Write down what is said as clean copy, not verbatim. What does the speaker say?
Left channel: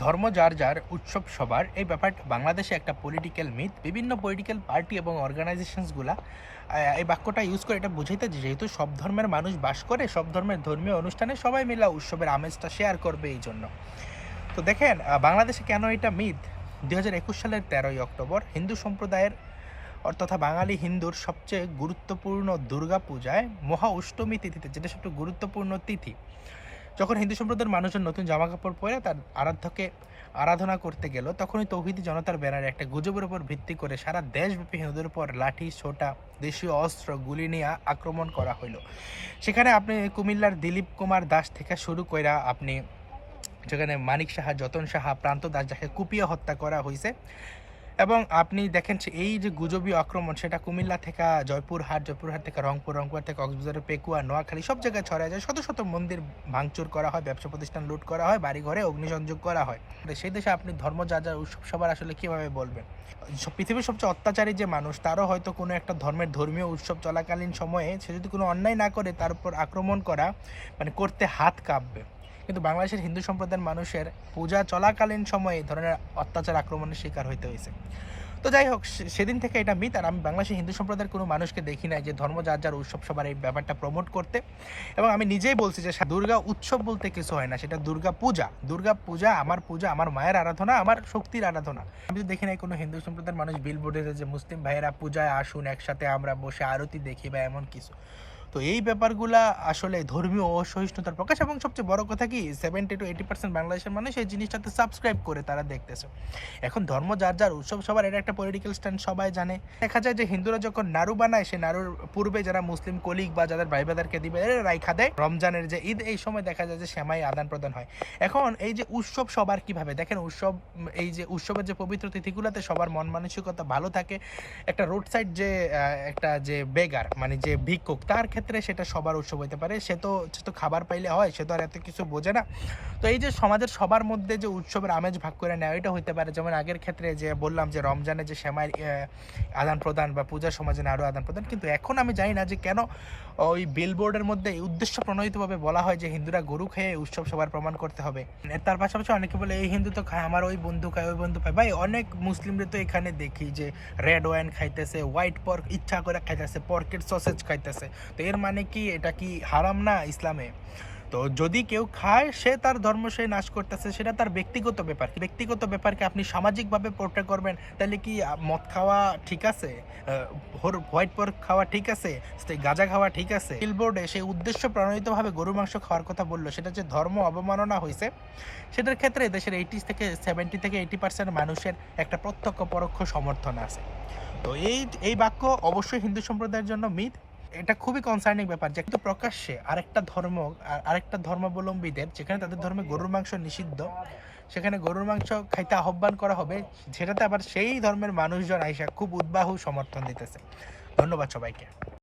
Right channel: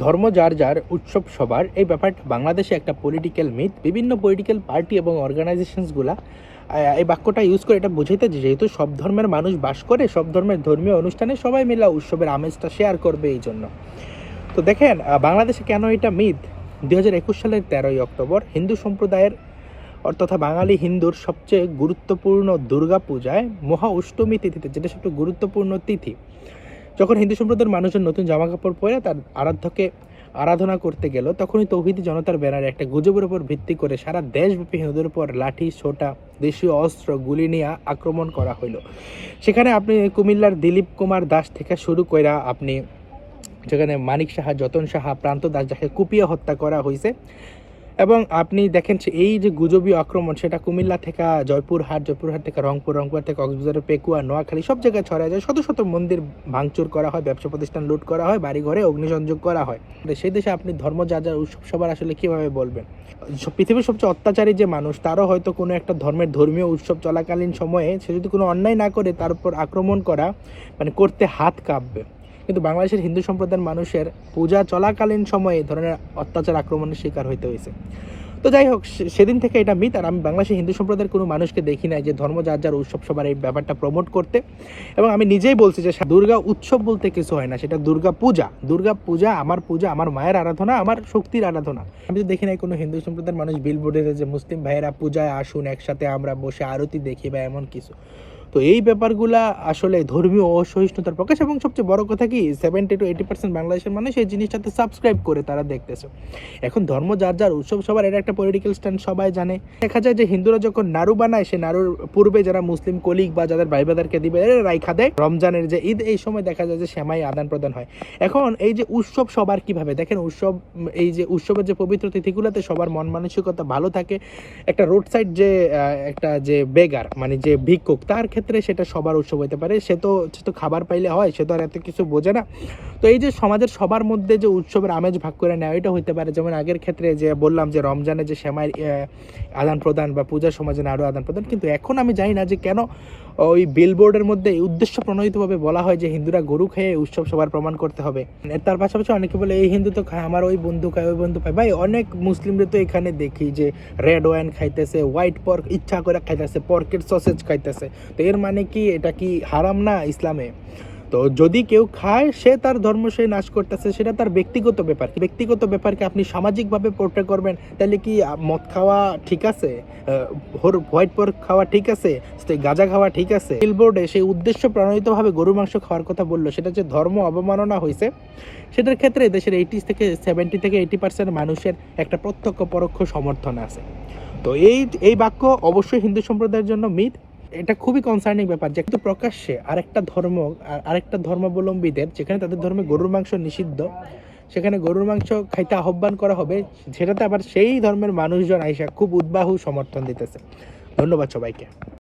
ধর্ম যার যার, উৎসব সবার, এই ব্যাপারটা বাংলাদেশে একটা পলিটিক্যাল মিথ। বিভিন্ন পলিটিক্যাল পার্টি এবং অর্গানাইজেশনসগুলা এই বাক্যটা ইউজ করে এটা বোঝাইতে যে যেহেতু সব ধর্মের মানুষ বাস করে, সব ধর্মের ধর্মীয় অনুষ্ঠানে সবাই মিলে উৎসবের আমেজটা শেয়ার করবে এই জন্য। তো দেখেন বাংলাদেশে কেন এটা মিথ। 2021 সালের 13ই অক্টোবর হিন্দু সম্প্রদায়ের তথা বাঙালি হিন্দুর সবচেয়ে গুরুত্বপূর্ণ দুর্গা পূজায় মহা অষ্টমী তিথিতে, যেটা সবচেয়ে গুরুত্বপূর্ণ তিথি, যখন হিন্দু সম্প্রদায়ের মানুষজন নতুন জামা কাপড় পরে তার আরাধ্যকে আরাধনা করতে গেল, তখনই তৌহিদি জনতার ব্যানারে একটা গুজবের উপর ভিত্তি করে সারা দেশব্যাপী হিন্দুদের উপর লাঠি, ছোটা, দেশীয় অস্ত্র, গুলি নিয়ে আক্রমণ করা হলো। সেখানে আপনি কুমিল্লার দিলীপ কুমার দাস থেকে শুরু করে আপনি যেখানে মানিক সাহা, যতন সাহা, প্রান্ত দাস, যাকে কুপিয়ে হত্যা করা হয়েছে। এবং আপনি দেখেন এই যে গুজবীয় আক্রমণ, সেটা কুমিল্লা থেকে জয়পুরহাট, জয়পুরহাট থেকে রংপুর, রংপুর থেকে কক্সবাজারের পেকুয়া, নোয়াখালী, সব জায়গায় ছড়ায় যায়। শত শত মন্দির ভাঙচুর করা হয়, ব্যবসা প্রতিষ্ঠান লুট করা হয়, বাড়ি ঘরে অগ্নিসংযোগ করা হয়। সেই দেশে আপনি ধর্ম যার যার, উৎসব সবার আসলে কীভাবে বলবেন? পৃথিবীর সবচেয়ে অত্যাচারী যে মানুষ, তারও হয়তো কোনো একটা ধর্মের ধর্মীয় উৎসব চলাকালীন সময়ে সে যদি কোনো অন্যায় না করে তার উপর আক্রমণ করা মানে করতে হাত কাঁপবে। কিন্তু বাংলাদেশের হিন্দু সম্প্রদায়ের মানুষের পূজা চলাকালীন সময়ে এই ধরনের অত্যাচার, আক্রমণের শিকার হইতে হয়েছে। তো যাই হোক, সেদিন থেকে এটা মিথ। আর আমি বাংলাদেশের হিন্দু সম্প্রদায়ের কোনো মানুষকে দেখি নাই যে ধর্ম যার যার, উৎসব সবার এই ব্যাপারটা প্রমোট করতে। এবং আমি নিজেই বলছি যে দুর্গা উৎসব বলতে কিছু হয় না, সেটা দুর্গা পূজা। দুর্গা পূজা আমার মায়ের আরাধনা, আমার শক্তির আরাধনা। আমি তো দেখি নাই কোনো হিন্দু সম্প্রদায়ের মানুষ বিলবোর্ডে যে মুসলিম ভাইয়েরা পূজায় আসুন, একসাথে আমরা বসে আরতি দেখি বা এমন কিছু। তো এই ব্যাপারগুলা আসলে ধর্মীয় অসহিষ্ণুতার প্রকাশ। এবং সবচেয়ে বড় কথা কি, 70 to 80% বাংলাদেশের মানুষ এই জিনিসটাতে সাবস্ক্রাইব করে তারা দেখতেছে। এখন ধর্ম যার যার, উৎসব সবার, এটা একটা পলিটিক্যাল স্ট্যান্ড, সবাই জানে। দেখা যায় যে হিন্দুরা যখন নাড়ু বানায়, সে নাড়ুর পূর্বে যারা মুসলিম কলিগ বা যাদের ভাই বাদারকে দিবে রাইখা দেয়। রমজানের যে ঈদ, এই সময় দেখা যায় যে সেমাই আদান প্রদান হয়। এখন এই যে উৎসব সবার কিভাবে দেখেন, উৎসব এই যে উৎসবের যে পবিত্র তিথিগুলোতে সবার মন মানসিকতা ভালো থাকে। একটা রোড সাইড যে একটা যে বেগার মানে যে ভিক্ষুক, তার ক্ষেত্রে সেটা সবার উৎসব হতে পারে। সে তো খাবার পাইলে হয়, সে তো আর এত কিছু বোঝে না। তো এই যে সমাজের সবার মধ্যে যে উৎসবের আমেজ ভাগ করে নেওয়া, এটা হতে পারে। যেমন আগের ক্ষেত্রে যে বললাম যে রমজানে যে সেমাইয়ের আদান প্রদান বা পূজার সমাজে আরও আদান প্রদান। কিন্তু এখন আমি জানি না যে কেন ওই বিলবোর্ডের মধ্যে উদ্দেশ্য প্রণোদিতভাবে বলা হয় যে হিন্দুরা গরু খেয়ে উৎসব সবার প্রমাণ করতে হবে। তার পাশাপাশি অনেকে বলে এই হিন্দু তো খায়, আমার ওই বন্ধু খায়, ওই বন্ধু খায়। ভাই, অনেক মুসলিমদের তো এখানে দেখি যে রেড ওয়াইন খাইতেছে, হোয়াইট পর্ক ইচ্ছা করে খাইতেছে, পর্কের সসেজ খাইতেছে। তো এর মানে কি এটা কি হারাম না ইসলামে? তো যদি কেউ খায়, সে তার ধর্ম সে নাশ করতেছে, সেটা তার ব্যক্তিগত ব্যাপার। ব্যক্তিগত ব্যাপারকে আপনি সামাজিকভাবে পোর্ট্রে করবেন, তাহলে কি মদ খাওয়া ঠিক আছে, হোয়াইট পর্ক খাওয়া ঠিক আছে, গাঁজা খাওয়া ঠিক আছে? বিলবোর্ডে সেই উদ্দেশ্য প্রণোদিতভাবে গরু মাংস খাওয়ার কথা বললো, সেটা যে ধর্ম অবমাননা হয়েছে, সেটার ক্ষেত্রে দেশের 70 থেকে 80% মানুষের একটা প্রত্যক্ষ পরোক্ষ সমর্থন আছে। তো এই বাক্য অবশ্যই হিন্দু সম্প্রদায়ের জন্য মিথ। এটা খুবই কনসার্নিং ব্যাপার যে কিন্তু প্রকাশ্যে আরেকটা ধর্মাবলম্বীদের, যেখানে তাদের ধর্মে গরুর মাংস নিষিদ্ধ, সেখানে গরুর মাংস খাইতে আহ্বান করা হবে, সেটাতে আবার সেই ধর্মের মানুষজন আইসা খুব উদ্বাহু সমর্থন দিতেছে। ধন্যবাদ সবাইকে।